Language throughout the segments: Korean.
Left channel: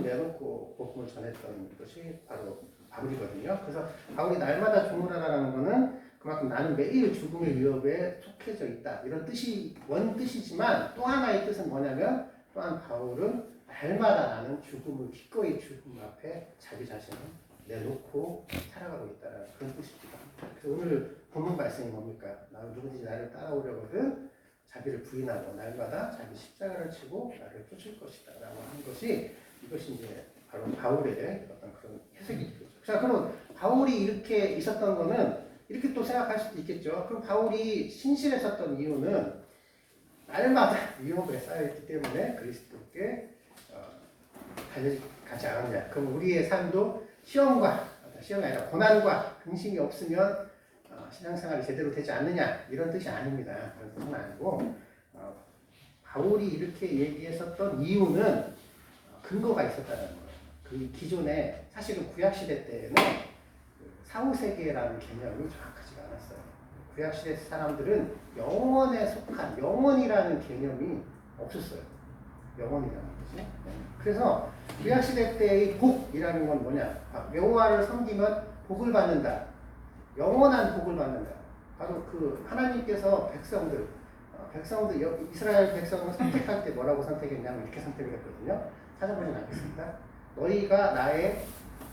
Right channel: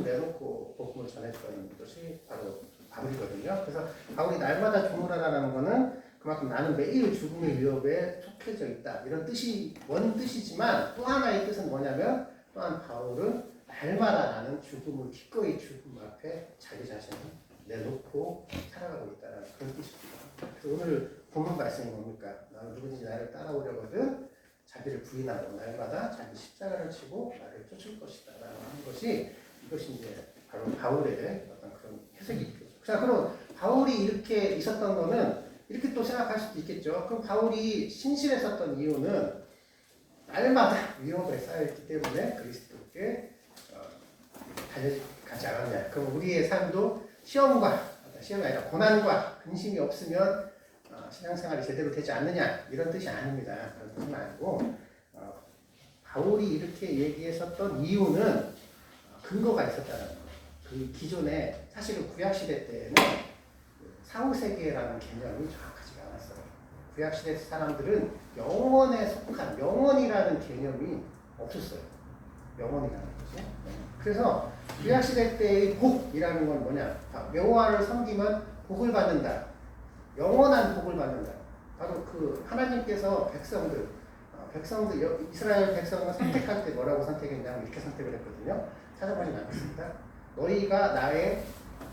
내놓고 복음을 전했던 것이 바로 바울이거든요. 그래서 바울이 날마다 주문하라는 거는 그만큼 나는 매일 죽음의 위협에 속해져 있다. 이런 뜻이 원 뜻이지만 또 하나의 뜻은 뭐냐면 또한 바울은 날마다 나는 죽음을 기꺼이 죽음 앞에 자기 자신을 내놓고 살아가고 있다는 그런 뜻이죠. 그래서 오늘 본문 말씀이 뭡니까? 나는 누구든지 나를 따라오려거든 자기를 부인하고 날마다 자기 십자가를 치고 나를 쫓을 것이다 라고 하는 것이 이것이 이제 바로 바울의 어떤 그런 해석이죠. 자, 그럼 바울이 이렇게 있었던 거는 이렇게 또 생각할 수도 있겠죠. 그럼 바울이 신실했었던 이유는 날마다 위협에 쌓여있기 때문에 그리스도께 달려가지 않았냐. 그럼 우리의 삶도 시험이 아니라 고난과 근심이 없으면 신앙생활이 제대로 되지 않느냐 이런 뜻이 아닙니다. 그런 뜻은 아니고 바울이 이렇게 얘기했었던 이유는 근거가 있었다는 거예요. 그 기존에 사실은 구약시대 때에는 사후세계라는 개념이 정확하지가 않았어요. 구약시대 사람들은 영원에 속한 영원이라는 개념이 없었어요. 영원이라는 것이. 그래서 구약시대 때의 복이라는 건 뭐냐? 여호와를 섬기면 복을 받는다. 영원한 복을 받는다. 바로 그 하나님께서 백성들 이스라엘 백성을 선택할 때 뭐라고 선택했냐면 이렇게 선택을 했거든요. 찾아보진 않겠습니다. 너희가 나의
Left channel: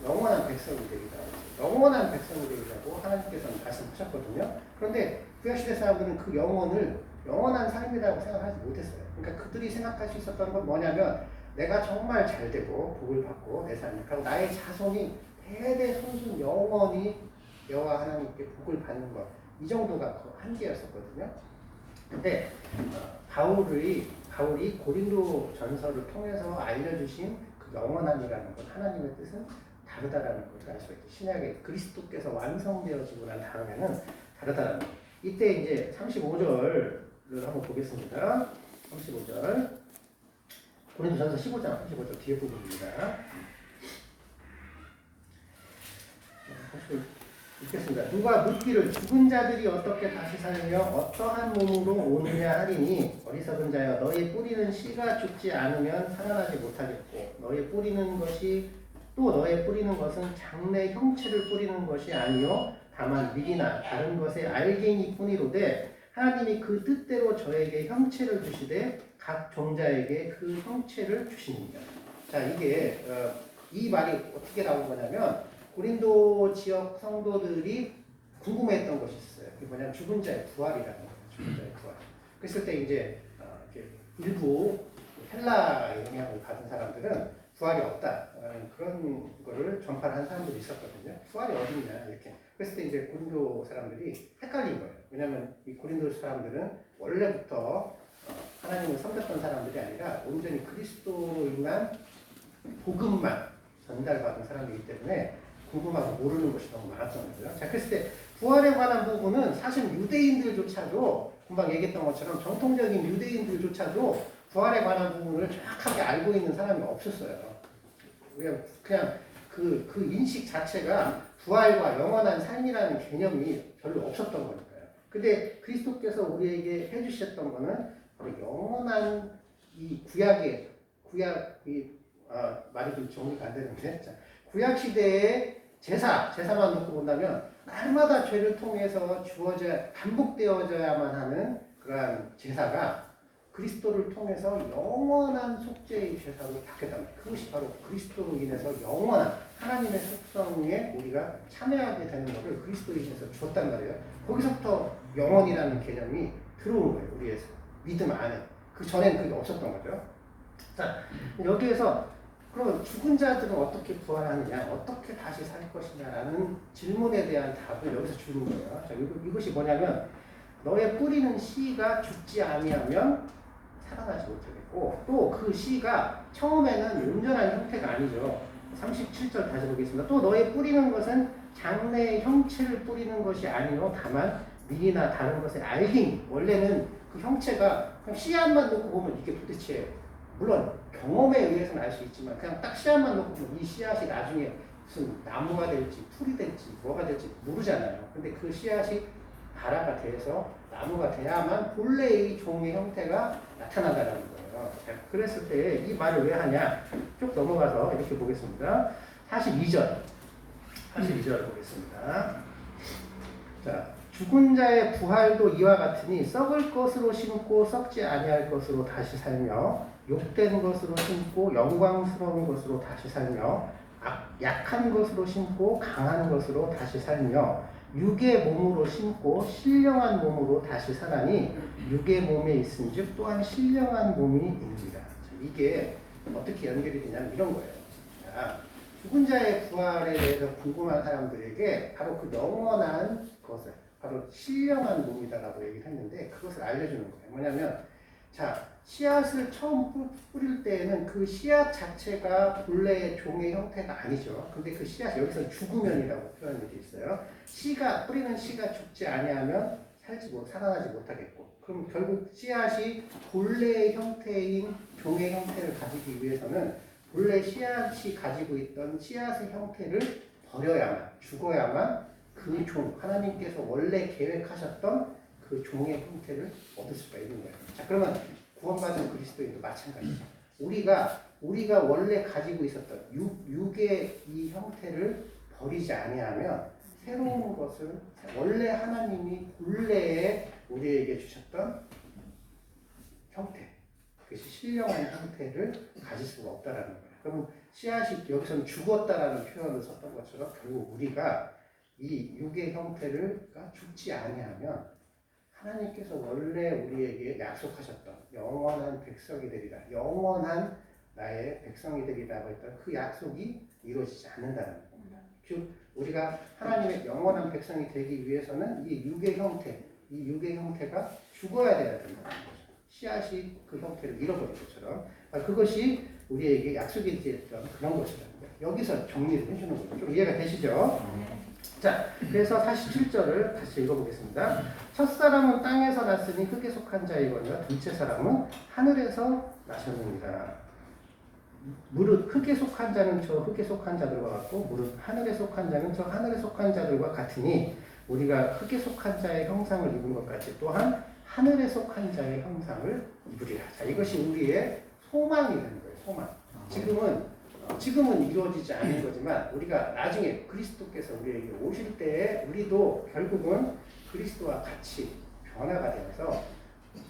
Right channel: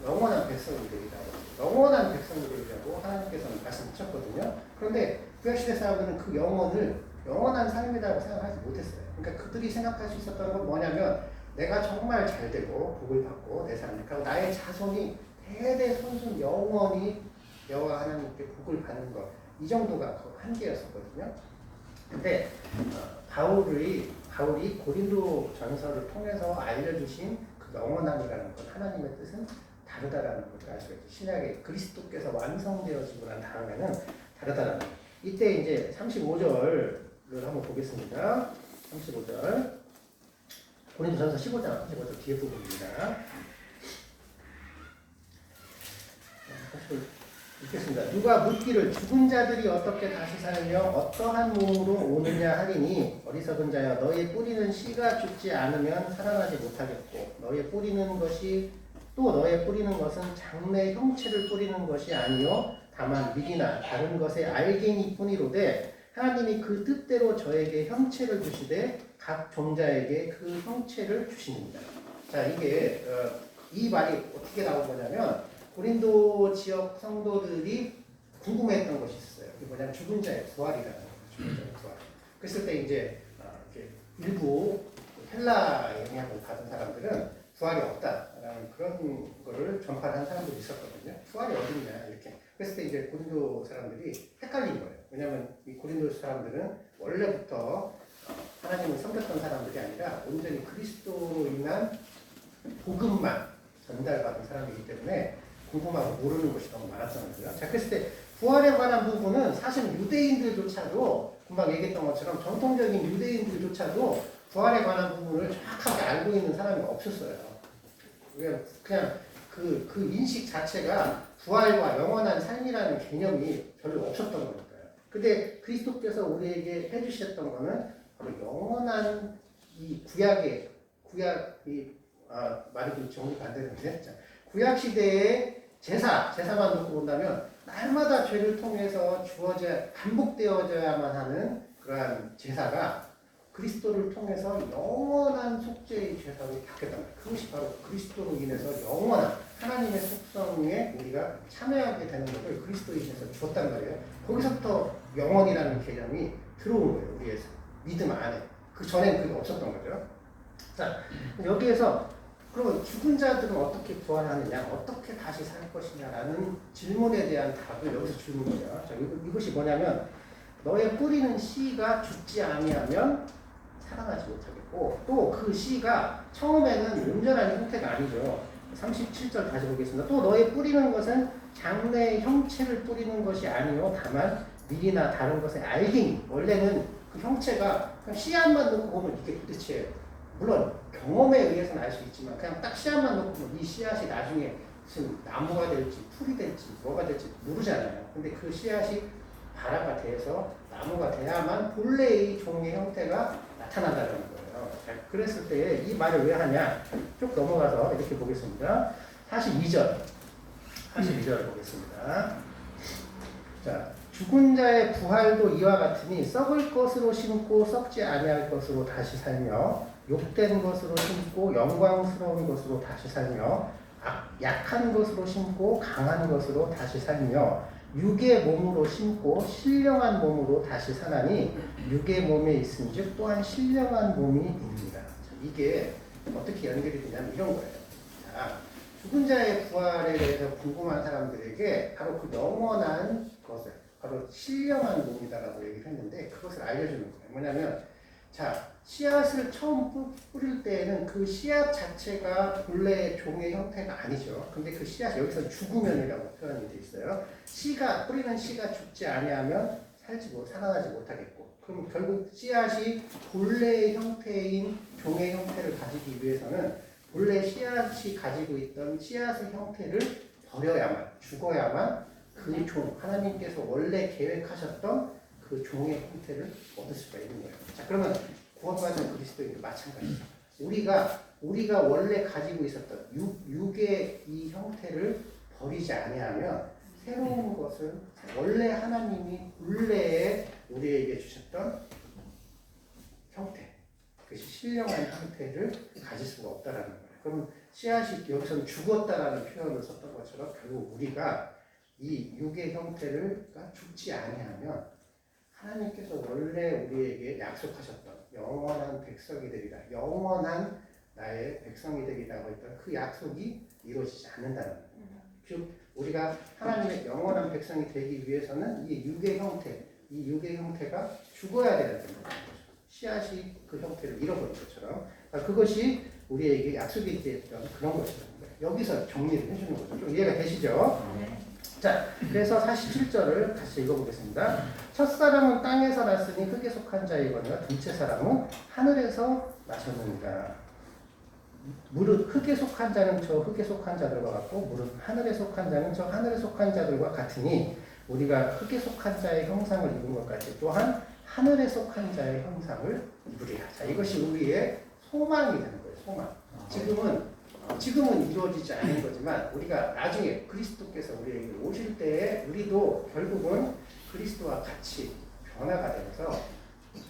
영원한 백성이 되리라고 영원한 백성이 되리라고 하나님께서는 말씀하셨거든요. 그런데 구약시대 사람들은 그 영혼을 영원한 삶이라고 생각하지 못했어요. 그러니까 그들이 생각할 수 있었던 건 뭐냐면 내가 정말 잘 되고 복을 받고 내 삶을 하고 나의 자손이 대대손손 영원히 여호와 하나님께 복을 받는 것, 이 정도가 그 한계였었거든요. 근데 바울이 고린도 전서를 통해서 알려주신 그 영원함이라는 것, 하나님의 뜻은 다르다라는 것을 알 수가 있죠. 신약에 그리스도께서 완성되어지고 난 다음에는 다르다라는 것. 이때 이제 35절을 한번 보겠습니다. 35절. 고린도전서 15장 뒤에 부분입니다. 읽겠습니다. 누가 묻기를 죽은 자들이 어떻게 다시 살며 어떠한 몸으로 오느냐 하리니 어리석은 자여 너의 뿌리는 씨가 죽지 않으면 살아나지 못하겠고 너의 뿌리는 것은 장래 형체를 뿌리는 것이 아니요 다만 밀이나 다른 것의 알갱이 뿐이로되 하나님이 그 뜻대로 저에게 형체를 주시되 각 종자에게 그 형체를 주시느니라. 자, 이게 이 말이 어떻게 나온 거냐면 고린도 지역 성도들이 궁금해했던 것이 있어요. 그게 뭐냐면 죽은 자의 부활이라는 거예요. 죽은 자의 부활. 그랬을 때 이제 이렇게 일부 헬라 영향을 받은 사람들은 부활이 없다라는 그런 거를 전파를 한 사람들이 있었거든요. 부활이 어딨냐 이렇게. 그랬을 때 이제 고린도 사람들이 헷갈린 거예요. 왜냐하면 이 고린도 사람들은 원래부터 하나님을 섬겼던 사람들이 아니라 온전히 그리스도로 인한 복음만 전달받은 사람이기 때문에 궁금하고 모르는 것이 너무 많았던 거죠. 자, 그랬을 때 부활에 관한 부분은 사실 유대인들조차도 금방 얘기했던 것처럼 정통적인 유대인들조차도 부활에 관한 부분을 정확하게 알고 있는 사람이 없었어요. 그냥 그 인식 자체가 부활과 영원한 삶이라는 개념이 별로 없었던 거니까요. 근데 그리스도께서 우리에게 해주셨던 거는 바로 영원한 이 말이 좀 정리가 안 되는데, 구약 시대의 제사만 놓고 본다면 날마다 죄를 통해서 반복되어져야만 하는 그러한 제사가 그리스도를 통해서 영원한 속죄의 제사로 바뀌었단 말이에요. 그것이 바로 그리스도로 인해서 영원한 하나님의 속성에 우리가 참여하게 되는 것을 그리스도에 인해서 주었단 말이에요. 거기서부터 영원이라는 개념이 들어온 거예요. 우리의 믿음 안에. 그 전에는 그게 없었던 거죠. 자, 여기에서 그러면 죽은 자들은 어떻게 부활하느냐, 어떻게 다시 살 것이냐라는 질문에 대한 답을 여기서 주는 거예요. 자, 이것이 뭐냐면 너의 뿌리는 씨가 죽지 아니하면 살아나지 못하겠고 또 그 씨가 처음에는 온전한 형태가 아니죠. 37절 다시 보겠습니다. 또 너의 뿌리는 것은 장래의 형체를 뿌리는 것이 아니요 다만 밀이나 다른 것의 알갱이. 원래는 그 형체가 그냥 씨앗만 놓고 보면 이게 도대체 물론 경험에 의해서는 알 수 있지만 그냥 딱 씨앗만 놓고 보면 이 씨앗이 나중에 무슨 나무가 될지 풀이 될지 뭐가 될지 모르잖아요. 근데 그 씨앗이 발화가 돼서 나무가 돼야만 본래의 종의 형태가 나타난다는 거예요. 자, 그랬을 때 이 말을 왜 하냐? 쭉 넘어가서 이렇게 보겠습니다. 42절. 42절을 보겠습니다. 자, 죽은 자의 부활도 이와 같으니 썩을 것으로 심고 썩지 아니할 것으로 다시 살며 욕된 것으로 심고 영광스러운 것으로 다시 살며 약한 것으로 심고 강한 것으로 다시 살며 육의 몸으로 심고 신령한 몸으로 다시 사나니 육의 몸에 있은즉 또한 신령한 몸이 있느니라. 이게 어떻게 연결이 되냐면 이런 거예요. 자, 죽은 자의 부활에 대해서 궁금한 사람들에게 바로 그 영원한 것을 바로 신령한 몸이다라고 얘기를 했는데 그것을 알려주는 거예요. 뭐냐면 자, 씨앗을 처음 뿌릴 때에는 그 씨앗 자체가 본래의 종의 형태가 아니죠. 근데 그 씨앗 여기서 죽으면이라고 표현이 되어 있어요. 뿌리는 씨가 죽지 아니하면 살아나지 못하겠고, 그럼 결국 씨앗이 본래의 형태인 종의 형태를 가지기 위해서는 본래 씨앗이 가지고 있던 씨앗의 형태를 버려야만, 죽어야만 그 종, 하나님께서 원래 계획하셨던 그 종의 형태를 얻을 수가 있는 거예요. 자, 그러면 구원받은 그리스도인도 마찬가지죠. 우리가 원래 가지고 있었던 육의 이 형태를 버리지 아니하면 새로운 것을 원래 하나님이 본래에 우리에게 주셨던 형태, 그것이 신령한 형태를 가질 수가 없다라는 거예요. 그러면 씨앗이 여기서는 죽었다라는 표현을 썼던 것처럼 결국 우리가 이 육의 형태를 죽지 아니하면 하나님께서 원래 우리에게 약속하셨던 영원한 백성이 되리라, 영원한 나의 백성이 되리라고 했던 그 약속이 이루어지지 않는다는 겁니다. 즉 우리가 하나님의 영원한 백성이 되기 위해서는 이 육의 형태가 죽어야 되는 거죠. 씨앗이 그 형태를 잃어버린 것처럼 그것이 우리에게 약속이 되었던 그런 것이라는 거예요. 여기서 정리를 해주는 거죠. 좀 이해가 되시죠? 자, 그래서 47절을 같이 읽어보겠습니다. 첫사람은 땅에서 났으니 흙에 속한 자이거니와 둘째 사람은 하늘에서 나셨느니라. 무릇 흙에 속한 자는 저 흙에 속한 자들과 같고 무릇 하늘에 속한 자는 저 하늘에 속한 자들과 같으니 우리가 흙에 속한 자의 형상을 입은 것 같이 또한 하늘에 속한 자의 형상을 입으리라. 자, 이것이 우리의 소망이 되는 거예요. 소망. 지금은 이루어지지 않는 거지만 우리가 나중에 그리스도께서 우리에게 오실 때에 우리도 결국은 그리스도와 같이 변화가 되면서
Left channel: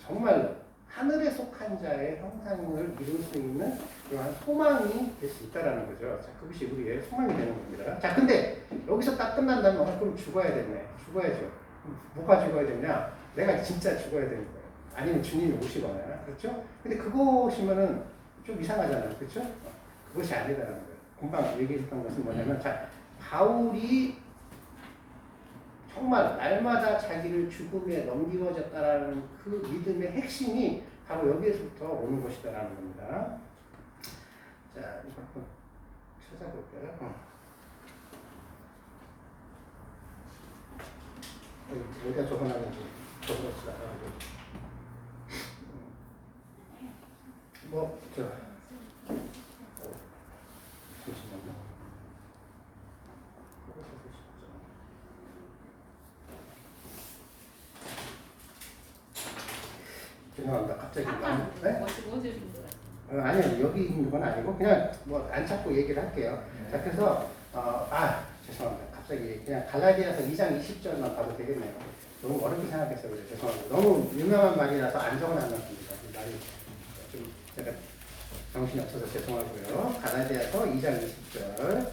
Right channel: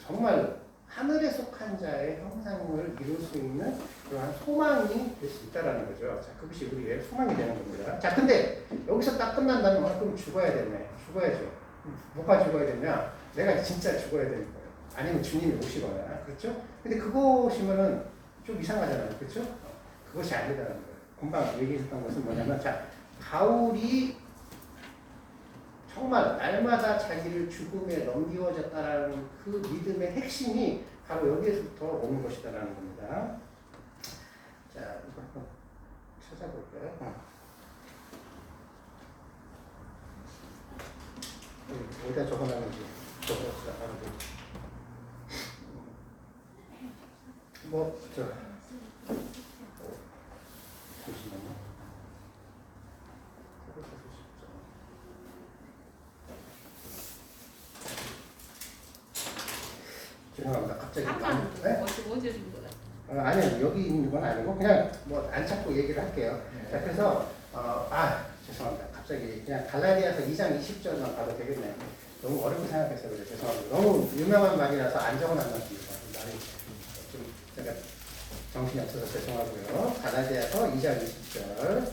정말 하늘에 속한 자의 형상을 이룰 수 있는 그러한 소망이 될 수 있다는 거죠. 자, 그것이 우리의 소망이 되는 겁니다. 자, 근데 여기서 딱 끝난다면 그럼 죽어야겠네. 죽어야죠. 뭐가 죽어야 되냐? 내가 진짜 죽어야 되는 거예요. 아니면 주님이 오시거나, 그렇죠? 근데 그것이면은 좀 이상하잖아요. 그렇죠? 그것이 아니다라는 거예요. 금방 얘기했던 것은 뭐냐면, 자, 바울이 정말 날마다 자기를 죽음에 넘기워졌다라는 그 믿음의 핵심이 바로 여기에서부터 오는 것이다라는 겁니다. 자, 이거 한번 찾아볼까요? 어디다 적어놨는지 적어놓지도 않았고. 잠시만요. 죄송합니다. 갑자기. 네? 아니요, 여기 있는 건 아니고 그냥 뭐 안 찾고 얘기를 할게요. 네. 자, 그래서 죄송합니다. 갑자기 그냥 갈라디아서 2장 20절만 봐도 되겠네요. 너무 어렵게 생각했어요. 그래서 죄송합니다. 너무 유명한 말이라서 안 적어놨습니다. 말이 좀 제가 정신이 없어서 죄송하고요. 갈라디아서 2장 20절.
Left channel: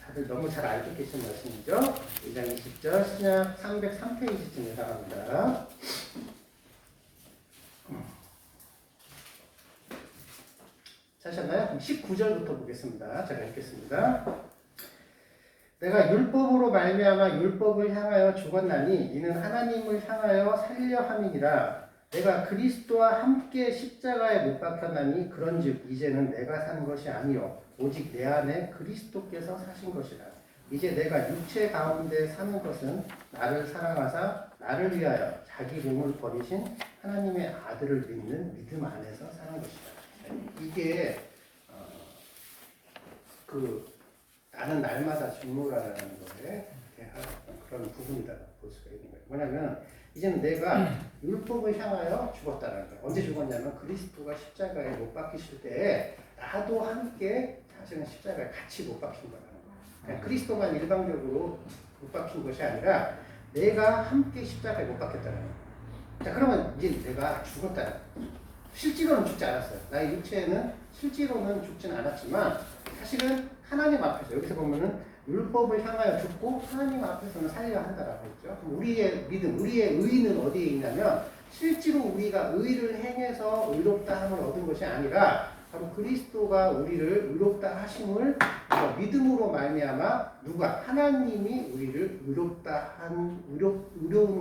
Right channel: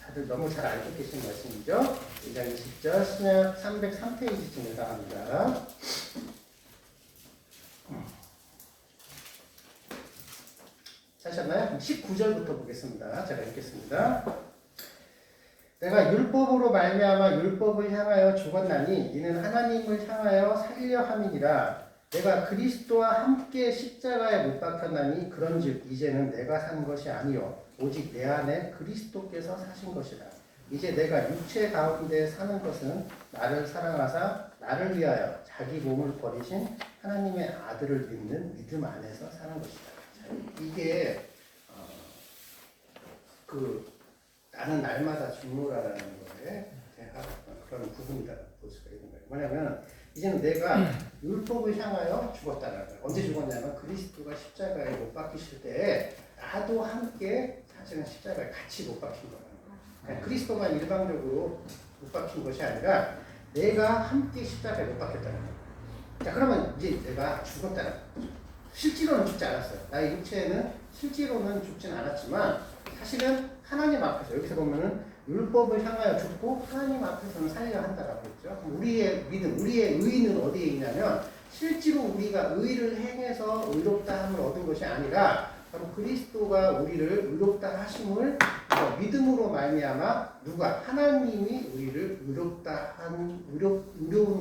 다들 너무 잘 알고 계신 말씀이죠. 2장 20절 신약 303페이지쯤에 나갑니다. 찾으셨나요? 19절부터 보겠습니다. 제가 읽겠습니다. 내가 율법으로 말미암아 율법을 향하여 죽었나니 이는 하나님을 향하여 살려 함이니라. 내가 그리스도와 함께 십자가에 못 박혔나니 그런즉 이제는 내가 사는 것이 아니요 오직 내 안에 그리스도께서 사신 것이라. 이제 내가 육체 가운데 사는 것은 나를 사랑하사 나를 위하여 자기 몸을 버리신 하나님의 아들을 믿는 믿음 안에서 사는 것이다. 이게 나는 날마다 죽노라라는 거에 대한 그런 부분이다 볼 수가 있는 거예요. 뭐냐면 이제는 내가 율법을 향하여 죽었다는 거예요. 언제 죽었냐면 그리스도가 십자가에 못 박히실 때 나도 함께 사실은 십자가에 같이 못 박힌 거라는 거예요. 그러니까 그리스도만 일방적으로 못 박힌 것이 아니라 내가 함께 십자가에 못 박혔다는 거예요. 자, 그러면 이제 내가 죽었다는 거예요. 실제로는 죽지 않았어요. 나의 육체는 실제로는 죽지는 않았지만 사실은 하나님 앞에서 여기서 보면은 율법을 향하여 죽고 하나님 앞에서는 살려야 한다라고 했죠. 그럼 우리의 믿음, 우리의 의는 어디에 있냐면 실제로 우리가 의를 행해서 의롭다 함을 얻은 것이 아니라 바로 그리스도가 우리를 의롭다 하심을 믿음으로 말미암아 누가 하나님이 우리를 의로운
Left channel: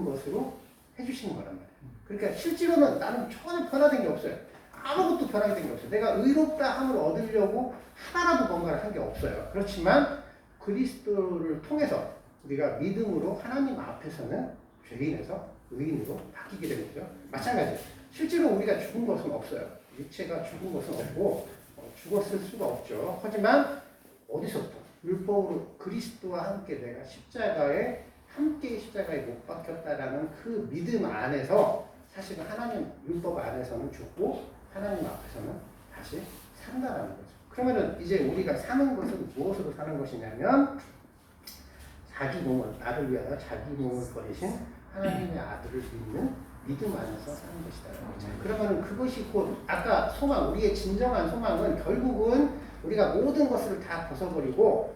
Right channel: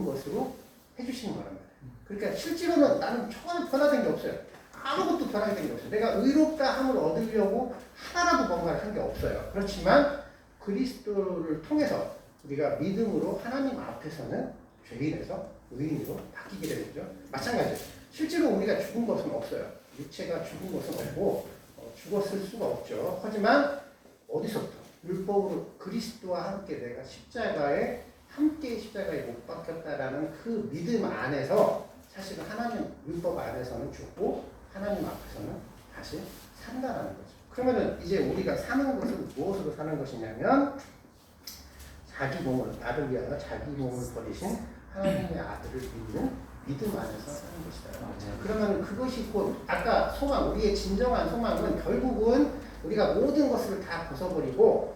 것으로 해주시는 거란 말이에요. 그러니까 실제로는 나는 전혀 변화된 게 없어요. 아무것도 변화된 게 없어요. 내가 의롭다 함을 얻으려고 하나라도 뭔가를 한 게 없어요. 그렇지만 그리스도를 통해서 우리가 믿음으로 하나님 앞에서는 죄인에서 의인으로 바뀌게 되는 거죠. 마찬가지예요. 실제로 우리가 죽은 것은 없어요. 육체가 죽은 것은 없고 죽었을 수가 없죠. 하지만 어디서부터? 율법으로 그리스도와 함께 내가 함께 십자가에 못 박혔다라는 그 믿음 안에서 사실은 하나님 율법 안에서는 죽고 하나님 앞에서는 다시 산다라는 거죠. 그러면은 이제 우리가 사는 것은 무엇으로 사는 것이냐면 자기 몸을 나를 위하여 자기 몸을 버리신 하나님의 아들을 믿는 믿음 안에서 사는 것이다. 그러면 그것이 곧 아까 소망, 우리의 진정한 소망은 결국은 우리가 모든 것을 다 벗어버리고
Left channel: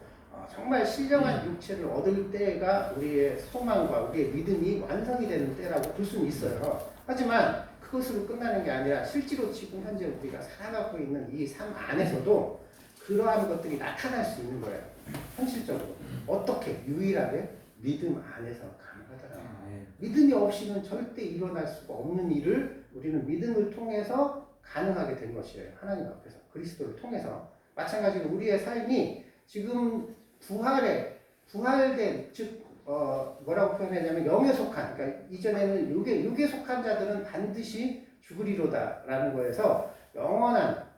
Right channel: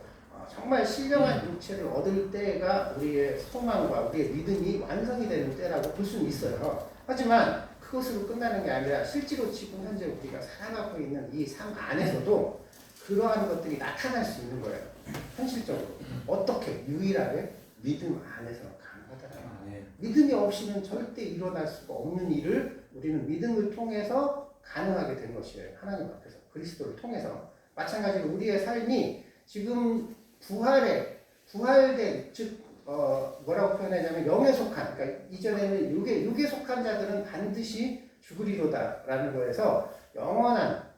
정말 신령한 육체를 얻을 때가 우리의 소망과 우리의 믿음이 완성이 되는 때라고 볼 수는 있어요. 하지만 그것으로 끝나는 게 아니라 실제로 지금 현재 우리가 살아가고 있는 이 삶 안에서도 그러한 것들이 나타날 수 있는 거예요. 현실적으로. 어떻게? 유일하게 믿음 안에서 가능하더라고요. 믿음이 없이는 절대 일어날 수가 없는 일을 우리는 믿음을 통해서 가능하게 된 것이에요. 하나님 앞에서. 그리스도를 통해서. 마찬가지로 우리의 삶이 지금 부활된, 즉, 뭐라고 표현하냐면 영에 속한, 그러니까 이전에는 육에 속한 자들은 반드시 죽으리로다라는 거에서 영원한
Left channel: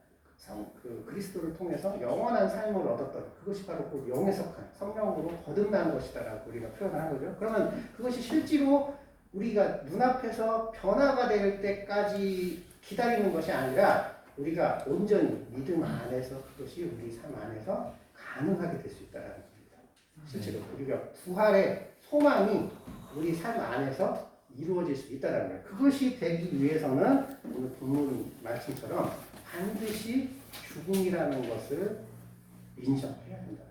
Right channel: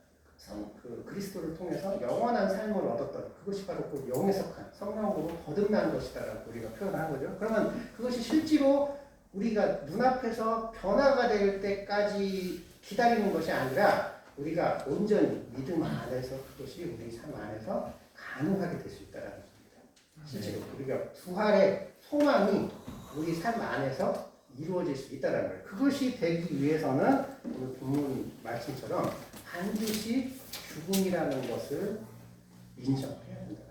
그리스도를 통해서 영원한 삶을 얻었던 그것이 바로 그 영에 속한 성령으로 거듭난 것이다라고 우리가 표현한 거죠. 그러면 그것이 실제로 우리가 눈앞에서 변화가 될 때까지 기다리는 것이 아니라 우리가 온전히 믿음 안에서 그것이 우리 삶 안에서 가능하게 될 수 있다는 겁니다. 실제로 우리가 부활의 소망이 우리 삶 안에서 이루어질 수 있다는 거예요. 그것이 되기 위해서는 오늘 본문 말씀처럼 반드시 죽음이라는 것을 인정해야 된다.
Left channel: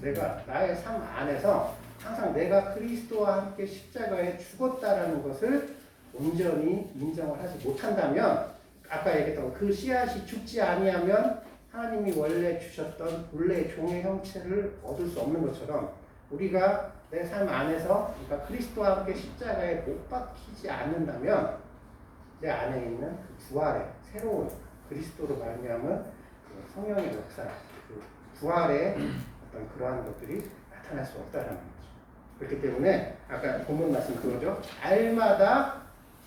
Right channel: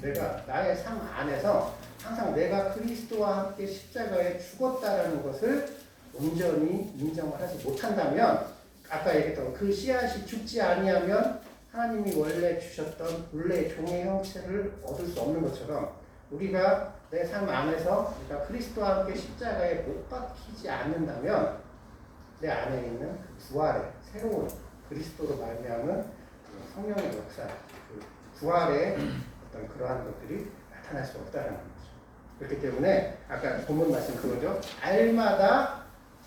내가 나의 삶 안에서 항상 내가 그리스도와 함께 십자가에 죽었다라는 것을 온전히 인정을 하지 못한다면 아까 얘기했던 그 씨앗이 죽지 아니하면 하나님이 원래 주셨던 본래의 종의 형체를 얻을 수 없는 것처럼 우리가 내 삶 안에서 그러니까 그리스도와 함께 십자가에 못 박히지 않는다면 내 안에 있는 그 부활의 새로운 그리스도로 말미암은 그 성령의 역사, 그 부활의 어떤 그러한 것들이 나타날 수 없다는 거죠. 그렇기 때문에 아까 본문 말씀 그거죠. 날마다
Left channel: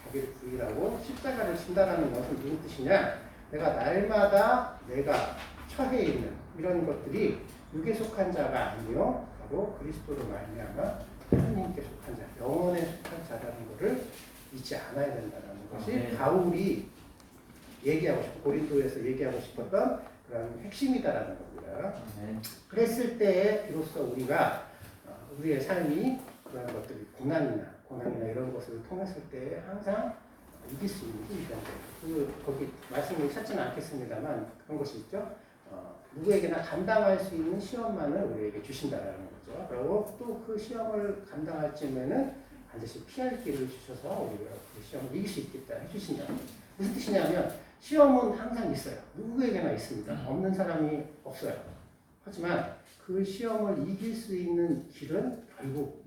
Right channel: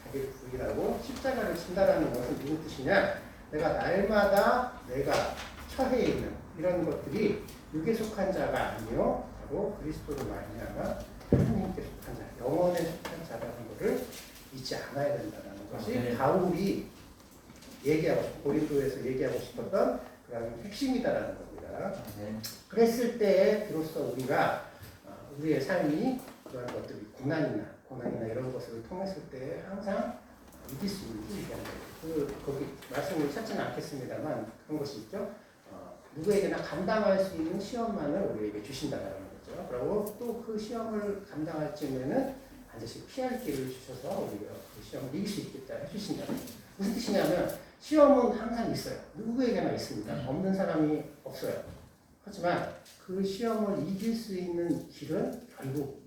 자기를 부인하고 십자가를 진다라는 것은 무슨 뜻이냐? 내가 날마다 내가 처해 있는 이런 것들이 육에 속한 자가 아니요 바로 그리스도로 말미암아 하나님께 속한 자, 영원에 속한 자라는 것을 잊지 않아야 된다는 것이 바울이 고린도에서 얘기하고 싶었던 그런 핵심이다라는 겁니다. 그랬을 때에 비로소 우리가 우리의 삶이 그런 것들이 고난이나 이런 것을 통했을 때 항상 이길 수 있는 힘이 되는 거예요. 거기 말씀을 찾지는 않겠습니다만 그런 것이 있죠. 누구에게나 감당할 수 있는 시험만을 우리에게 주신다는 거죠. 그리고 또 그 시험을 감당할 쯤에는 반드시 피할 길을 주셔서 우리가 그 시험을 이길 수 있겠다 해주신다. 무슨 뜻이냐면 시험은 항상 있어요. 누구에게나 있습니다. 없는 사람이 없어요. 하지만 그 시험을 이길 수 있는 길은 결국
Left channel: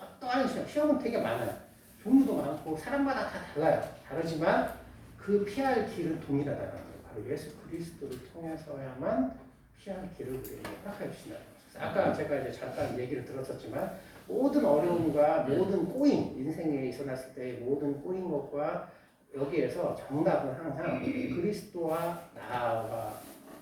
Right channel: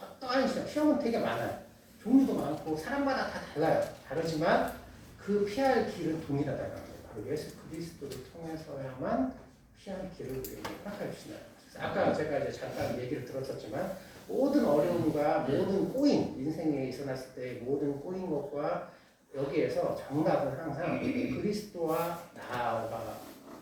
어떠한 시험은 되게 많아요. 종류도 많고 사람마다 다 달라요. 다르지만 그 피할 길은 동일하다는 거예요. 바로 예수 그리스도를 통해서야만 피할 길을 우리에게 허락해 주신다는 거죠. 아까 제가 이제 잠깐 얘기를 들었었지만 모든 어려움과 모든 꼬임, 인생에 있어났을 때 모든 꼬인 것과 여기에서 정답은 항상 그리스도와 나와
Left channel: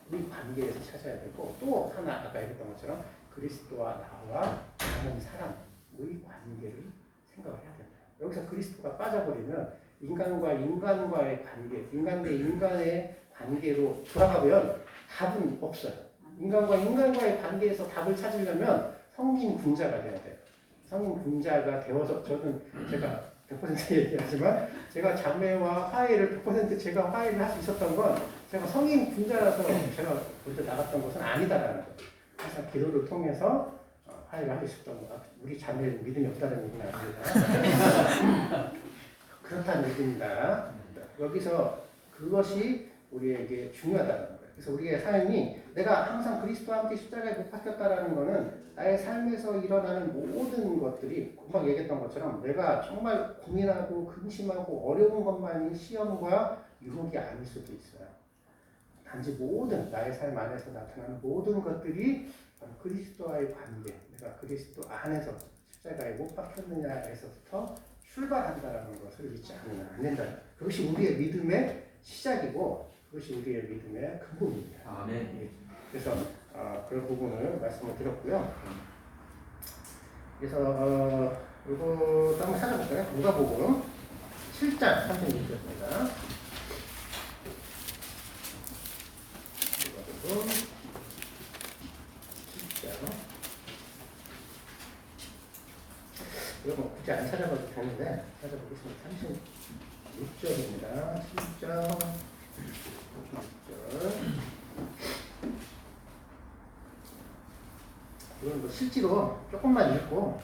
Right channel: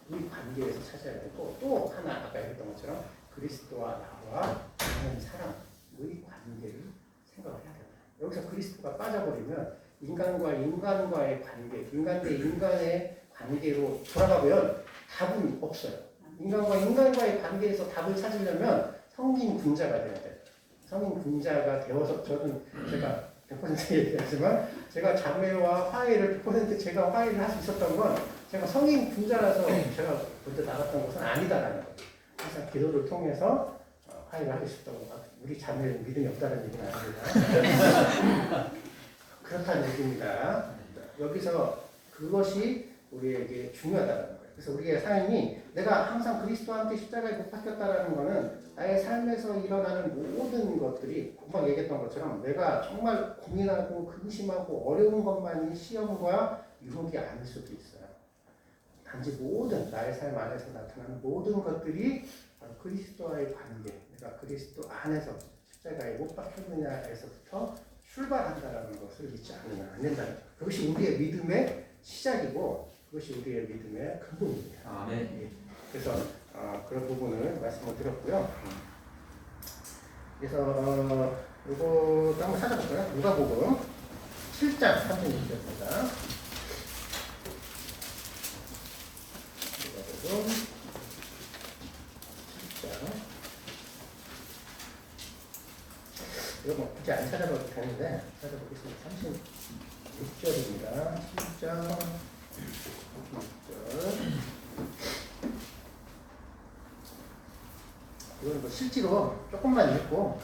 우리 관계에서 찾아야 되고 또 하나 아까 얘기했던 것처럼 그리스도와 나와 다른 사람의 관계를 생각을 해야 된다. 여기서 그리스도가 빠져버리면 인간과 인간과의 관계, 인간 대 인간의 관계로 돌아가면 답은 없어요. 인간과 인간과의 관계에서 답을 찾으려면 성인 군자가 돼야 돼요. 성인 군자가 되어서 저는 제가 100% 얘기하지만 제가 자매와 화해를 100% 제가 화해를 할 수 있었던 건 제가 성인 군자라서 제가 먼저 나갔던 것은 아니다라는 거예요. 항상 기도를 통해서 화해를 하고 있었던 거. 우리 자매는 믿음이 없다는 얘기는 아닙니다. 그렇다는 얘기입니다. 여기서 그것이 우리에게 중요하다는 거예요. 그래서 우리의 삶이 내가 항상 그리스도와 함께 십자가에 못 박혔다라는 것은 나의 삶에서 일어나는 모든 것들이 금방 얘기했던 것처럼 내가 정말 고민하고 근심하고 어려운 것만이 시험과 유혹이 아닐 수도 있어요. 단지 모든 나의 삶 안에서 나타나는 모든 것들이 그리스도와의 관계, 내가 그리스도 안에서 십자가에 못 박혔느냐에서부터 출발한다라는 것을 잊지 않으면 안 된다. 그것이 우리의 믿음의 시작이고 그것이 우리의 믿음의 근본입니다. 아, 네. 그래서 그런 부분을 말씀을 드렸고요. 그래서 이거 한번 찾아볼까요? 누가복음 7장 36절입니다. 누가복음 7장. 이거 뭐 굳이 안 찾아봐도 되는데 찾아보겠습니다. 36절입니다. 7장 36절. 이건 뭐 실제로 조금만 읽고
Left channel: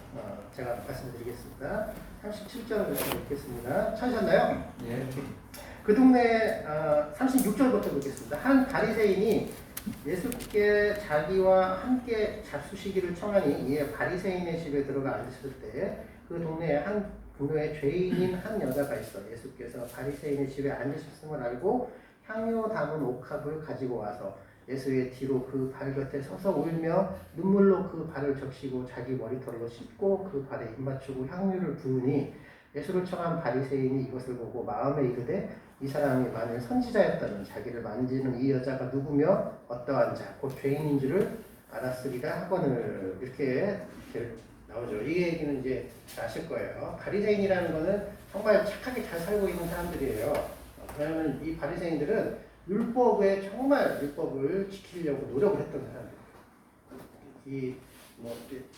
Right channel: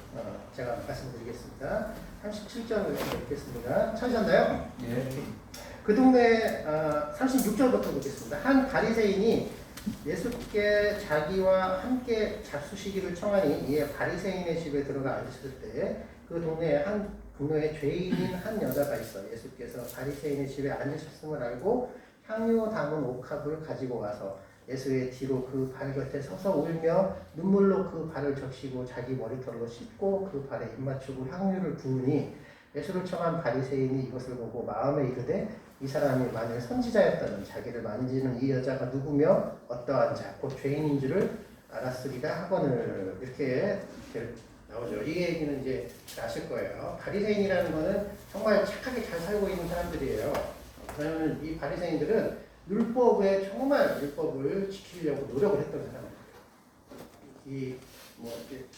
제가 말씀드리겠습니다. 37절을 읽겠습니다. 찾으셨나요? 네. 그 동네 36절부터 읽겠습니다. 한 바리새인이 예수께 자기와 함께 잡수시기를 청하니 이에 바리새인의 집에 들어가 앉으셨을 때 그 동네에 한 동네에 죄인인 한 여자가 있어 예수께서 바리새인의 집에 앉으셨음을 알고 향유 담은 옥합을 가지고 와서 예수의 뒤로 그 발 곁에 서서 울며 눈물로 그 발을 적시고 자기 머리털로 씻고 그 발에 입맞추고 향유를 부으니 예수를 청한 바리새인이 이것을 보고 마음에 이르되 이 사람이 만일 선지자였다면 자기를 만지는 이 여자가 누구며 어떠한 자 곧 죄인인 줄을 알았으리라 하거늘. 이렇게 나오죠. 이 얘기는 이제 잘 아실 거예요. 바리새인이라는 거는 정말 착하게 잘 살고 있는 사람들이에요. 그러면 이 바리새인들은 율법에 정말 율법을 지키려고 노력을 했던 사람들이에요. 뭐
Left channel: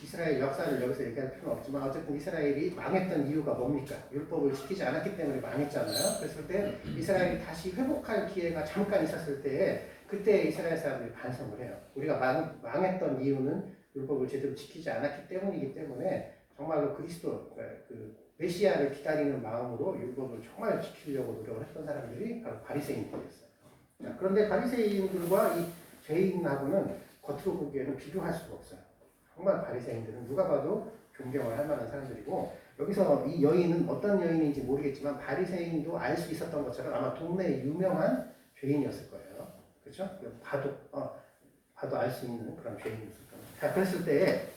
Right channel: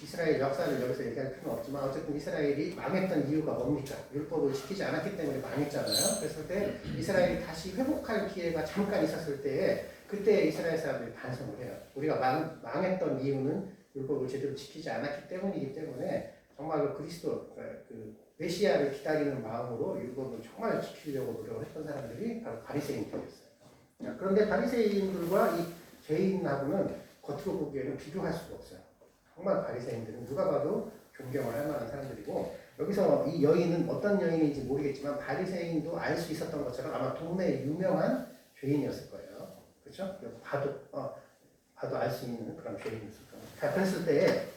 이스라엘 역사를 여기서 얘기할 필요는 없지만 어쨌든 이스라엘이 망했던 이유가 뭡니까? 율법을 지키지 않았기 때문에 망했잖아요. 그랬을 때 이스라엘이 다시 회복할 기회가 잠깐 있었을 때 그때 이스라엘 사람들이 반성을 해요. 우리가 망했던 이유는 율법을 제대로 지키지 않았기 때문이기 때문에 정말로 그리스도 그 메시아를 기다리는 마음으로 율법을 정말 지키려고 노력을 했던 사람들이 바로 바리새인들이었어요. 그런데 바리새인들과 이 죄인하고는 겉으로 보기에는 비교할 수가 없어요. 정말 바리새인들은 누가 봐도 존경을 할 만한 사람들이고 여기서 이 여인은 어떤 여인인지 모르겠지만 바리새인도 알 수 있었던 것처럼 아마 동네에 유명한 죄인이었을 거예요. 그렇죠? 봐도 알 수 있는 그런 죄인이었을 거예요. 자, 그랬을 때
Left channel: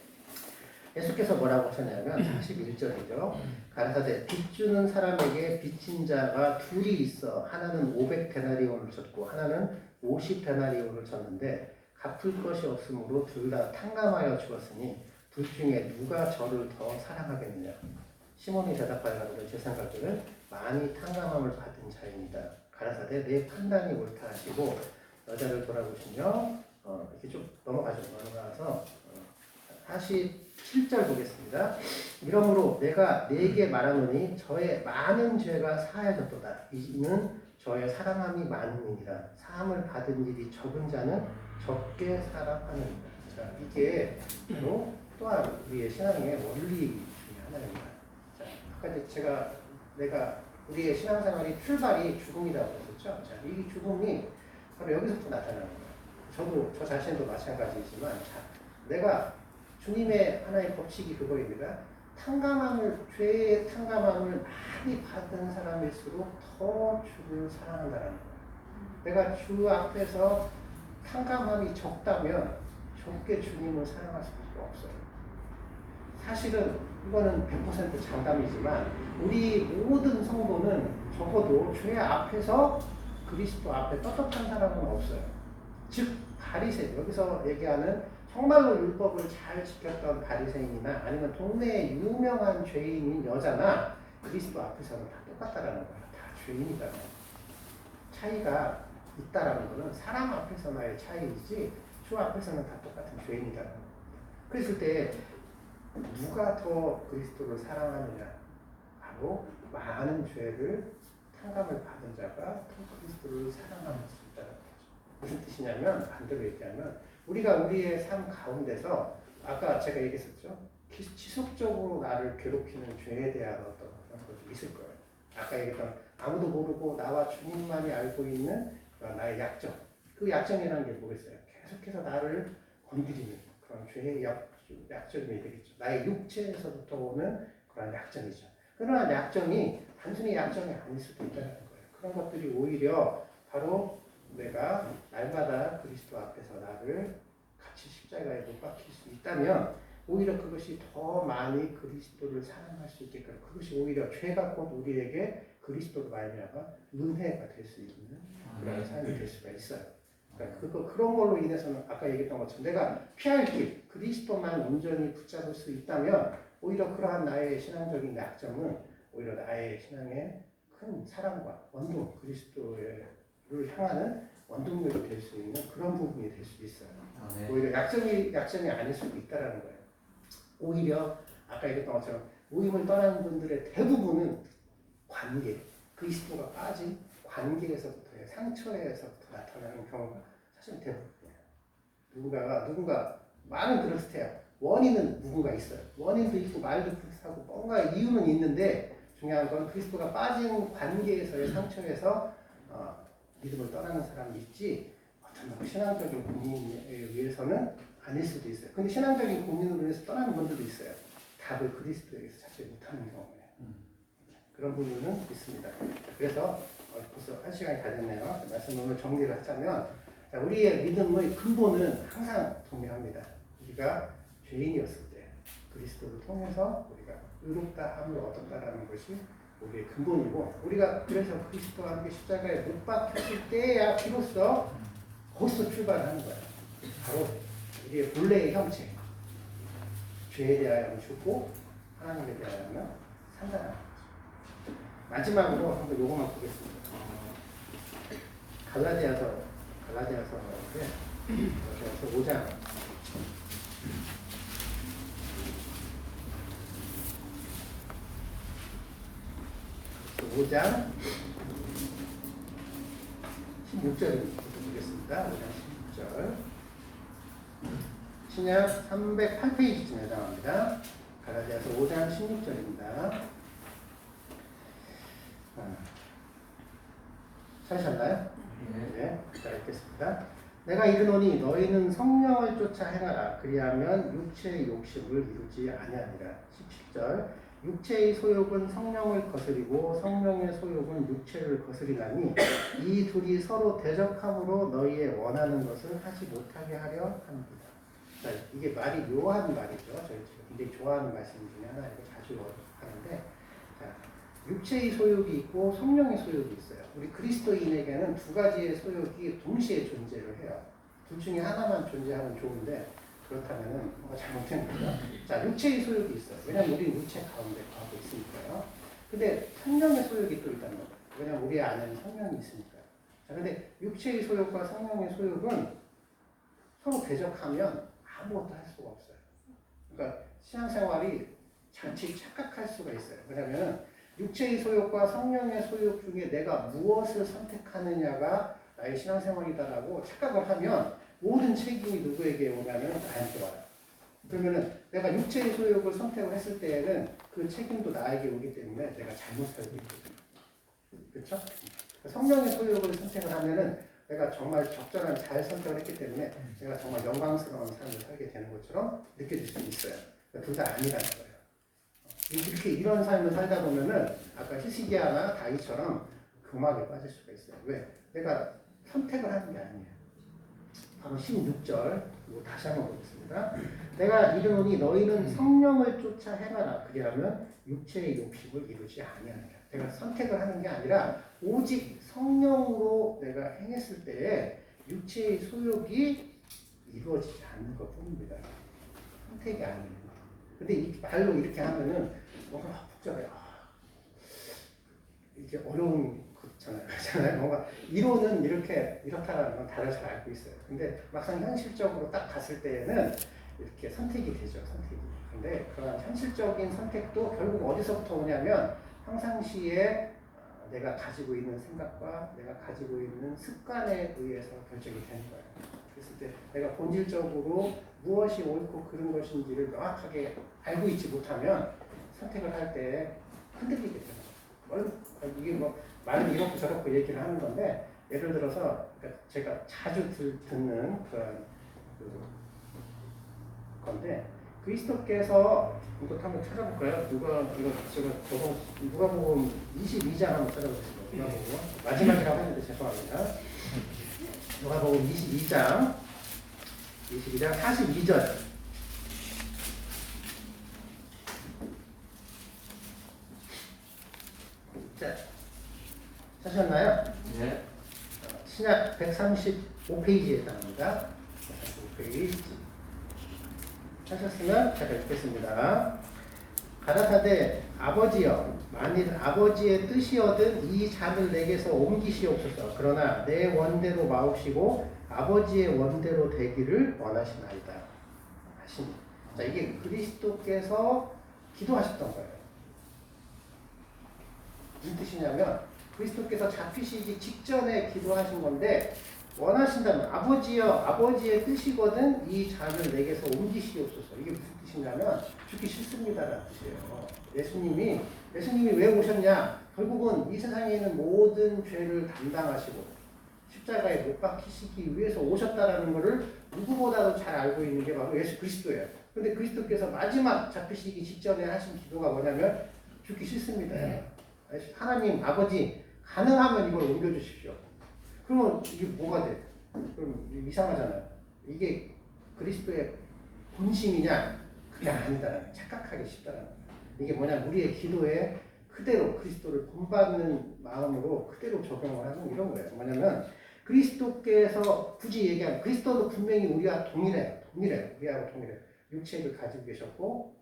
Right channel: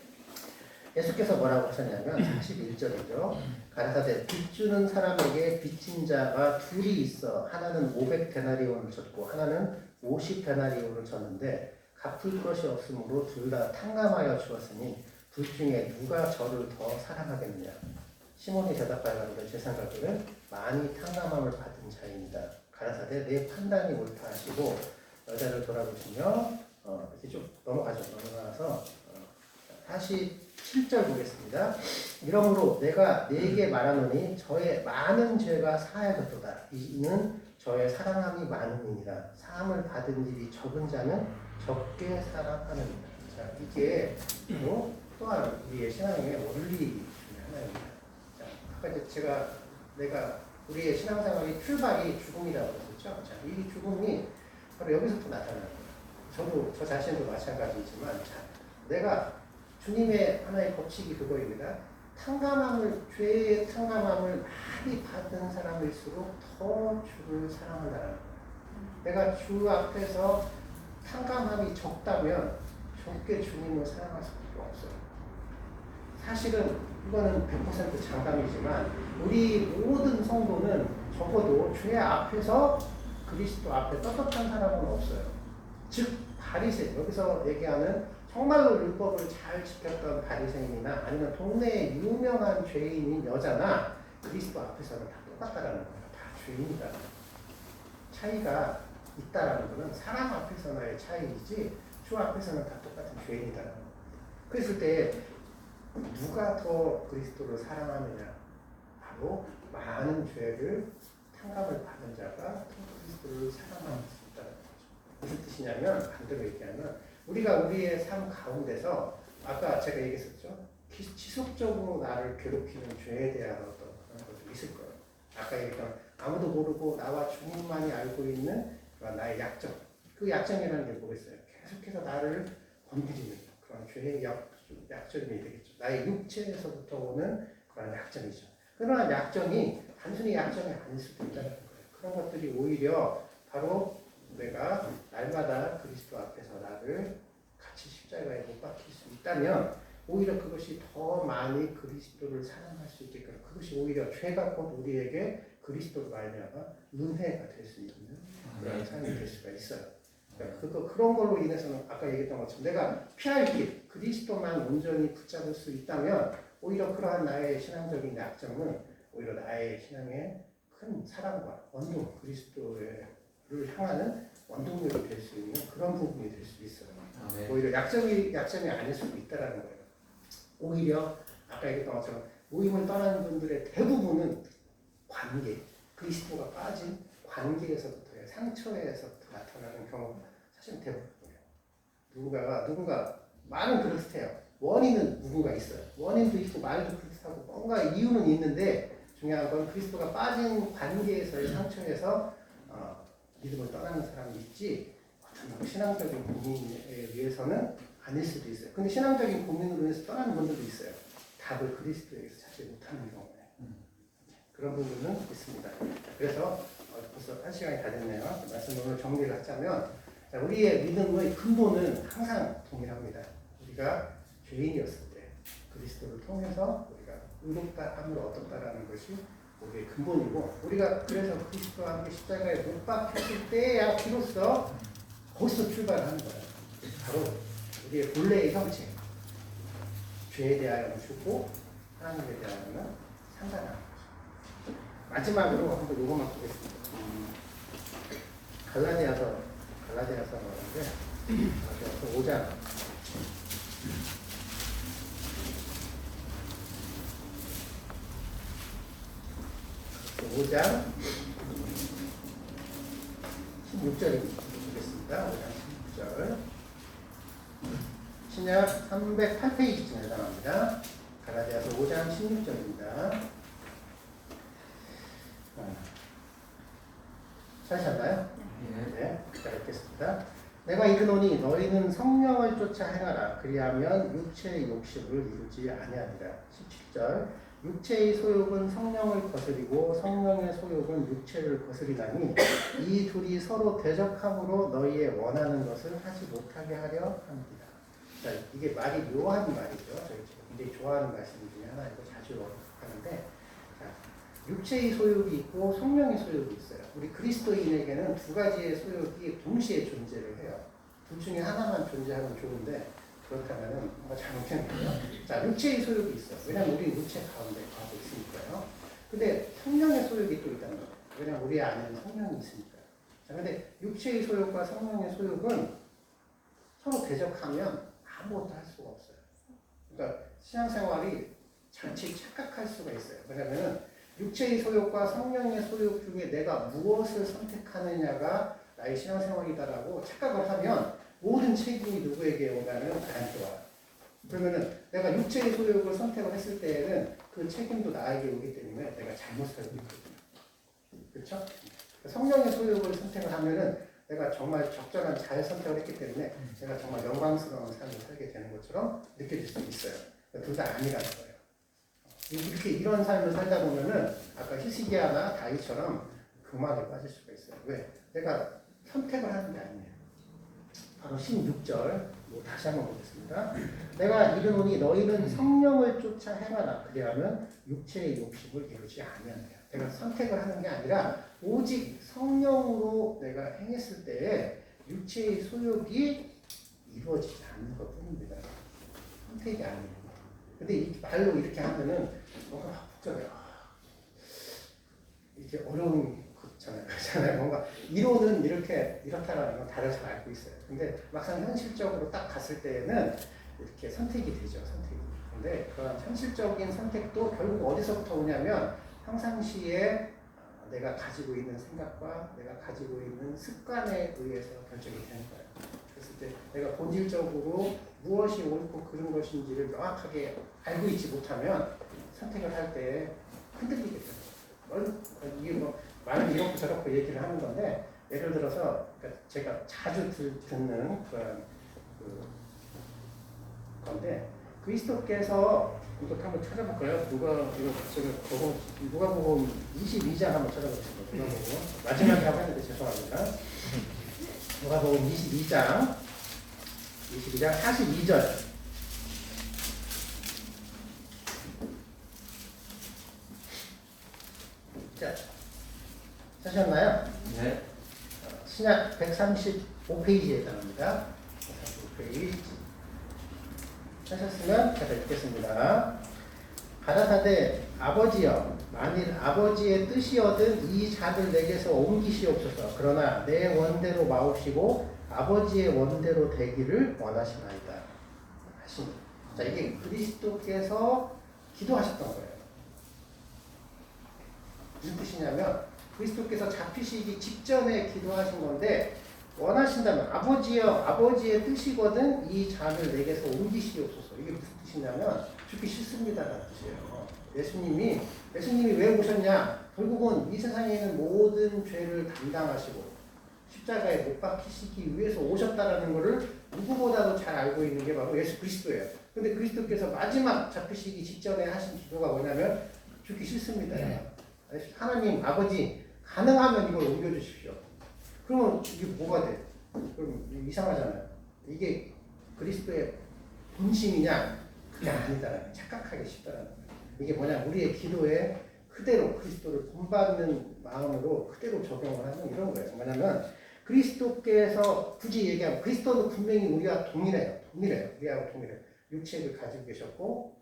예수께서 뭐라고 하셨냐면 31절이죠. 가라사대 빚 주는 사람에게 빚진 자가 둘이 있어 하나는 500데나리온을 졌고 하나는 50데나리온을 졌는데 갚을 것이 없으므로 둘 다 탕감하여 주었으니 둘 중에 누가 저를 더 사랑하겠느냐. 시몬이 대답하여 가로되 제 생각에는 많이 탕감함을 받은 자입니다. 가라사대 내 판단이 옳다 하시고 여자를 돌아보시며 이렇게 좀 넘어가서 47절 보겠습니다. 이러므로 내가 네게 말하노니 저의 많은 죄가 사하여졌도다. 이는 저의 사랑함이 많음이니라. 사함을 받은 일이 적은 자는 적게 사랑하느니라. 자, 이게 또한 우리의 신앙의 원리 중에 하나입니다. 자, 아까 내가 우리의 신앙생활이 출발이 죽음이라고 했었죠. 자, 이 죽음이 바로 여기서부터 나타나는 거예요. 저 자신도 마찬가지지만, 자, 내가 주님의 하나의 법칙이 그거입니다. 죄의 탕감함을 많이 받은 사람일수록 더 주를 사랑한다는 거예요. 내가 주 앞에서 탕감함이 적다면 적게 주님을 사랑할 수밖에 없어요. 사실은 이거는 100% 장담이지만 우리 모든 성도는 적어도 주의 앞에서 그리스도 앞에 떳떳한 사람은 없어요. 즉 바리새인, 여기서 얘기하는 정말로 율법을 잘 지켰던 바리새인이나 아니면 동네에 유명한 죄인인 여자나 그리스도 앞에서는 다 똑같다라는 거예요. 다 죄인이다. 차이가 있다라는 것은 사람 앞에서나의 차이이지 주 앞에서는 다 똑같은 죄인이다. 그랬을 때 누가 더 그리스도를 사랑하느냐? 바로 많은 죄를 탕감을 받은 자가 더 그리스도를 사랑할 수 있다는 거죠. 무슨 뜻이냐면 반대로 얘기하면 우리가 우리의 삶 가운데서 아까 제가 얘기했었죠. 지속적으로 나를 괴롭히는 죄에 대한 어떤 그런 것도 있을 거예요. 아까 얘기했던 아무도 모르고 나와 주님만이 알고 있는 나의 약점. 그 약점이라는 게 뭐겠어요? 계속해서 나를 건드리는 그런 죄의 약점이 되겠죠. 나의 육체에서부터 오는 그런 약점이죠. 그러나 약점이 단순히 약점이 아닐 수도 있다는 거예요. 그런 것들이 오히려 바로 내가 날마다 그리스도 앞에서 나를 같이 십자가에 못 박힐 수 있다면 오히려 그것이 더 많이 그리스도를 사랑할 수 있게끔 그것이 오히려 죄가 곧 우리에게 그리스도로 말미암아 은혜가 될 수 있는 그런 삶이 될 수가 있어요. 그러니까 그런 걸로 인해서는 아까 얘기했던 것처럼 내가 피할 길 그리스도만 온전히 붙잡을 수 있다면 오히려 그러한 나의 신앙적인 약점은 오히려 나의 신앙의 큰 사랑과 원동 그리스도를 향하는 원동력이 될 수 있는 그런 부분이 될 수 있어요. 오히려 약점이 아닐 수도 있다라는 거예요. 오히려 아까 얘기했던 것처럼 모임을 떠나는 분들의 대부분은 관계, 그리스도가 빠진 관계에서부터의 상처에서부터 나타나는 경우가 사실 대부분이에요. 누군가 말은 그렇대요. 원인은 누군가 있어요. 원인도 있고 말도 그렇다고 뭔가 이유는 있는데 중요한 건 그리스도가 빠진 관계에서의 상처에서 믿음을 떠나는 사람이 있지 어떤 신앙적인 고민에 의해서는 아닐 수도 있어요. 근데 신앙적인 고민으로 인해서 떠나는 분들도 있어요. 답을 그리스도에게서 찾지 못하는 경우에. 그런 부분은 있습니다. 그래서 벌써 1시간이 다 됐네요. 말씀 오늘 정리를 하자면 우리의 믿음의 근본은 항상 동일합니다. 우리가 죄인이었을 때 그리스도를 통해서 우리가 의롭다 함을 얻었다라는 것이 우리의 근본이고 우리가 그래서 그리스도와 함께 십자가에 못 박혔을 때야 비로소 거기서 출발하는 거예요. 바로 우리의 본래의 형체 죄에 대하여는 죽고 하나님에 대하여는 산다는 거죠. 마지막으로 한번 요것만 보겠습니다. 갈라디아서 말인데 갈라디아서 5장 5장 16절을 보겠습니다. 5장 16절 신약 308페이지쯤 해당합니다. 갈라디아서 5장 16절입니다. 찾으셨나요? 네, 잘 읽겠습니다. 내가 이르노니 너희는 성령을 쫓아 행하라. 그리하면 육체의 욕심을 이루지 아니하리라. 17절 육체의 소욕은 성령을 거스리고 성령의 소욕은 육체를 거스리나니 이 둘이 서로 대적함으로 너희의 원하는 것을 하지 못하게 하려 합니다. 자, 이게 말이 묘한 말이죠. 저희 지금 굉장히 좋아하는 말씀 중에 하나이고 자주 하는데 자, 육체의 소욕이 있고 성령의 소욕이 있어요. 우리 그리스도인에게는 두 가지의 소욕이 동시에 존재를 해요. 둘 중에 하나만 존재하면 좋은데 그렇다면 뭐가 잘못된 거예요. 자, 육체의 소욕이 있어요. 왜냐하면 우리 육체 가운데 가고 있으니까요. 근데 성령의 소욕이 또 있다는 거예요. 왜냐하면 우리 안에는 성령이 있으니까요. 자, 근데 육체의 소욕과 성령의 소욕은 서로 대적하면 아무것도 할 수가 없어요. 그러니까 신앙생활이 잠시 착각할 수가 있어요. 왜냐하면 육체의 소욕과 성령의 소욕 중에 내가 무엇을 선택하느냐가 나의 신앙생활이다라고 착각을 하면 모든 책임이 누구에게 오냐면 나한테 와요. 그러면은 내가 육체의 소욕을 선택을 했을 때에는 그 책임도 나에게 오기 때문에 내가 잘못 살고 있거든요. 그렇죠? 성령의 소욕을 선택을 하면은 내가 정말 적절한 잘 선택을 했기 때문에 제가 정말 영광스러운 삶을 살게 되는 것처럼 느껴질 수 있어요. 둘 다 아니라는 거예요. 이렇게 이런 삶을 살다 보면은 아까 히스기야나 다윗처럼 금악에 빠질 수가 있어요. 왜? 내가 선택을 하는 게 아니에요. 바로 16절 다시 한번 보겠습니다. 내가 이르노니 너희는 성령을 쫓아 행하라. 그리하면 육체의 욕심을 이루지 아니하느냐. 내가 선택을 하는 게 아니라 오직 성령으로 내가 행했을 때에 육체의 소욕이 이루어지지 않는 것 뿐입니다. 선택이 아니에요. 근데 이 말로 이렇게 하면은 뭔가 복잡해요. 이게 어려운 거잖아요. 그렇잖아요. 뭔가 이론은 이렇다라는 건 다들 잘 알고 있어요. 근데 막상 현실적으로 딱 갔을 때에는 이렇게 선택이 되죠. 선택이. 근데 그런 현실적인 선택도 결국 어디서부터 오냐면 평상시에 내가 가지고 있는 생각과 내가 가지고 있는 습관에 의해서 결정이 되는 거예요. 그랬을 때 내가 본질적으로 무엇이 옳고 그른 것인지를 명확하게 알고 있지 못하면 선택을 할 때 흔들리게 돼요. 이게 뭐 말은 이렇고 저렇고 얘기를 하는 건데 예를 들어서 그러니까 제가 자주 듣는 그런 건데 그리스도께서 이것 한번 찾아볼까요? 누가복음 22장 한번 찾아보겠습니다. 마지막이라고 했는데 죄송합니다. 누가복음 22장 42절. 자, 찾으셨나요? 네. 신약 135페이지에 해당합니다. 135페이지. 하셨으면 제가 읽겠습니다. 가라사대 아버지여 만일 아버지의 뜻이거든 이 잔을 내게서 옮기시옵소서. 그러나 내 원대로 마옵시고 아버지의 원대로 되기를 원하시나이다 하시니. 자, 이게 그리스도께서 기도하셨던 거예요. 무슨 뜻이냐면 그리스도께서 잡히시기 직전에 기도하신 건데 원하신다면 아버지여 아버지의 뜻이거든 이 잔을 내게서 옮기시옵소서. 이게 무슨 뜻이냐면 죽기 싫습니다라는 뜻이에요. 예수님이 왜 오셨냐? 결국은 이 세상에 있는 모든 죄를 담당하시고 십자가에 못 박히시기 위해서 오셨다라는 것을 누구보다도 잘 알고 있는 게 바로 예수 그리스도예요. 근데 그리스도께서 마지막 잡히시기 직전에 하신 기도가 뭐냐면 죽기 싫습니다. 하나님 아버지 가능하면 이걸 옮겨주십시오. 그러면 이게 뭐가 돼? 그럼 이상하잖아요. 이게 그리스도의 본심이냐? 그게 아니다라는 착각하기 쉽다라는 거예요. 이게 뭐냐? 우리의 기도에 그대로 그리스도를 본받는 마음으로 그대로 적용을 하는 이런 거예요. 뭐냐면 그리스도께서 굳이 얘기하면 그리스도도 분명히 우리와 동일해요. 우리하고 동일해요. 육체를 가지고 계셨고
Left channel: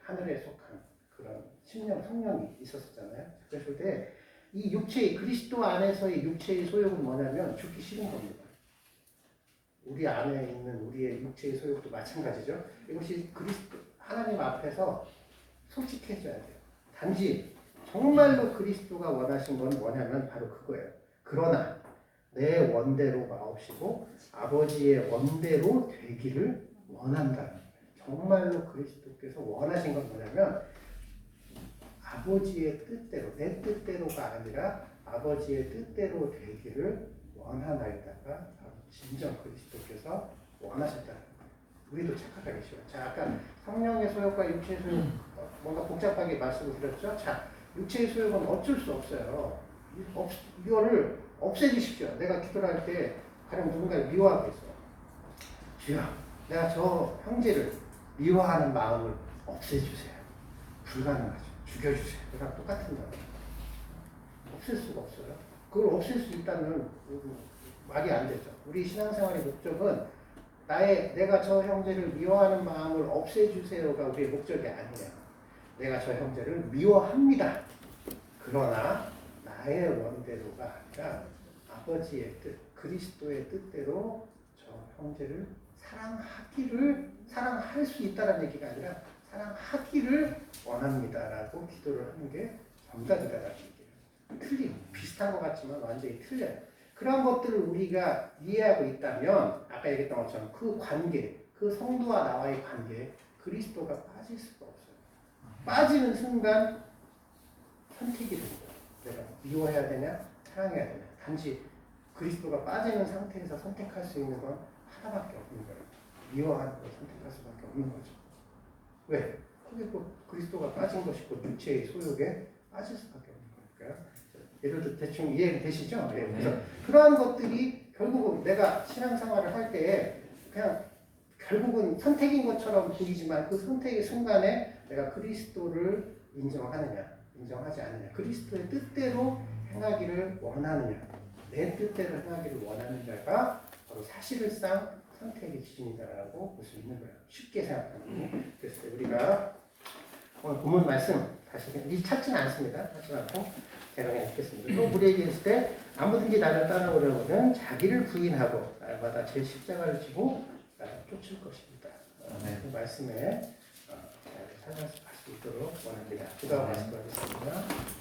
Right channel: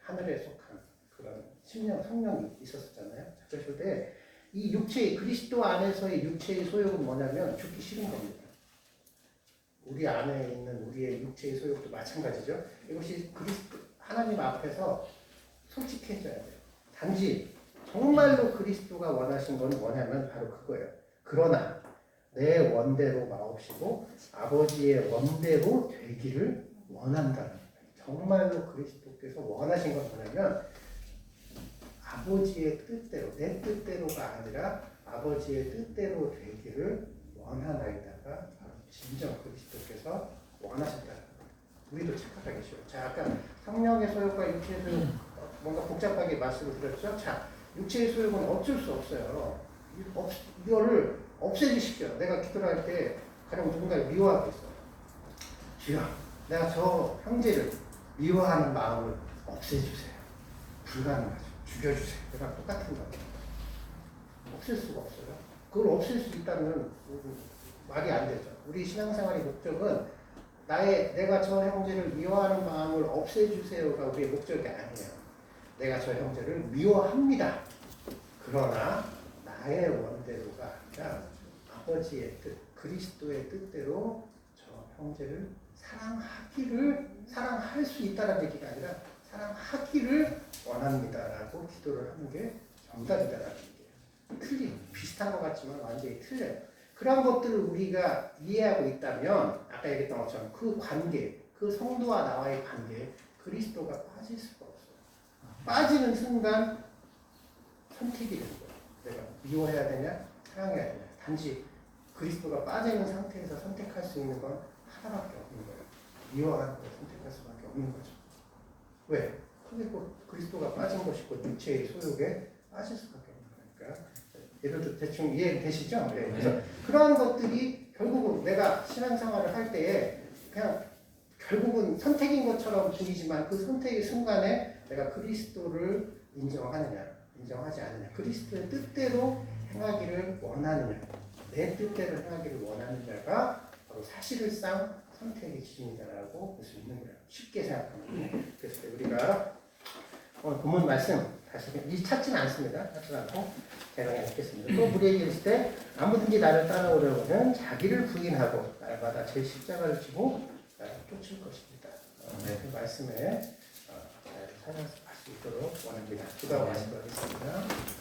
하늘에 속한 그런 성령이 있었잖아요. 그랬을 때 이 육체의 그리스도 안에서의 육체의 소욕은 뭐냐면 죽기 싫은 겁니다. 우리 안에 있는 우리의 육체의 소욕도 마찬가지죠. 이것이 그리스도 하나님 앞에서 솔직해져야 돼요. 단지 정말로 그리스도가 원하신 건 뭐냐면 바로 그거예요. 그러나 내 원대로 마옵시고 아버지의 원대로 되기를 원한다는 거예요. 정말로 그리스도께서 원하신 건 뭐냐면 아버지의 뜻대로 내 뜻대로가 아니라 아버지의 뜻대로 되기를 원하나이다가 진정 그리스도께서 원하셨다는 거예요. 우리도 착각하기 쉬워요. 자, 아까 성령의 소욕과 육체의 소욕 뭔가 복잡하게 말씀을 드렸죠. 자, 육체의 소욕은 어쩔 수 없어요. 이거를 없애주십시오. 내가 기도를 할 때 가령 누군가를 미워하고 있어. 주여, 내가 저 형제를 미워하는 마음을 없애주세요. 불가능하죠. 죽여주세요. 그랑 똑같은 거예요. 없앨 수가 없어요. 그걸 없앨 수 있다면 말이 안 되죠. 우리 신앙생활의 목적은 내가 저 형제를 미워하는 마음을 없애주세요가 우리의 목적이 아니에요. 내가 저 형제를 미워합니다. 그러나 나의 원대로가 아니라 아버지의 뜻, 그리스도의 뜻대로 저 형제를 사랑할 수 있다는 얘기가 아니라 사랑하기를 원합니다라고 기도를 하는 게 정답이다라는 얘기예요. 비슷한 것 같지만 완전히 틀려요. 그런 것들을 우리가 이해하고 있다면 아까 얘기했던 것처럼 그 관계, 그 성도와 나와의 관계에 그리스도가 빠질 수가 없어요. 빠지는 순간 선택이 되는 거예요. 내가 미워해야 되냐, 사랑해야 되냐. 단지 그리스도가 빠지는 상태에서 선택할 수 있는 건 하나밖에 없는 거예요. 미워하는 걸 선택할 수밖에 없는 거죠. 왜? 그게 그리스도가 빠진 것이고 육체의 소욕에 빠질 수밖에 없는 거니까. 예를 들어 대충 이해되시죠? 네. 그래서 그러한 것들이 결국은 내가 신앙생활을 할 때에 그냥 결국은 선택인 것처럼 보이지만 그 선택의 순간에 내가 그리스도를 인정하느냐, 인정하지 않느냐, 그리스도의 뜻대로 행하기를 원하느냐, 내 뜻대로 행하기를 원하느냐가 바로 사실상 선택의 기준이다라고 볼 수 있는 거예요. 쉽게 생각하면. 그래서 우리가 오늘 본문 말씀 다시 찾지는 않습니다. 찾지 않고 제가 그냥 읽겠습니다. 또 우리에게 이르실 때 아무든지 나를 따라오려면 자기를 부인하고 날마다 제 십자가를 지고 나를 쫓을 것입니다. 그 말씀에 잘 찾아갈 수 있도록 원합니다. 기도하고 말씀드리겠습니다.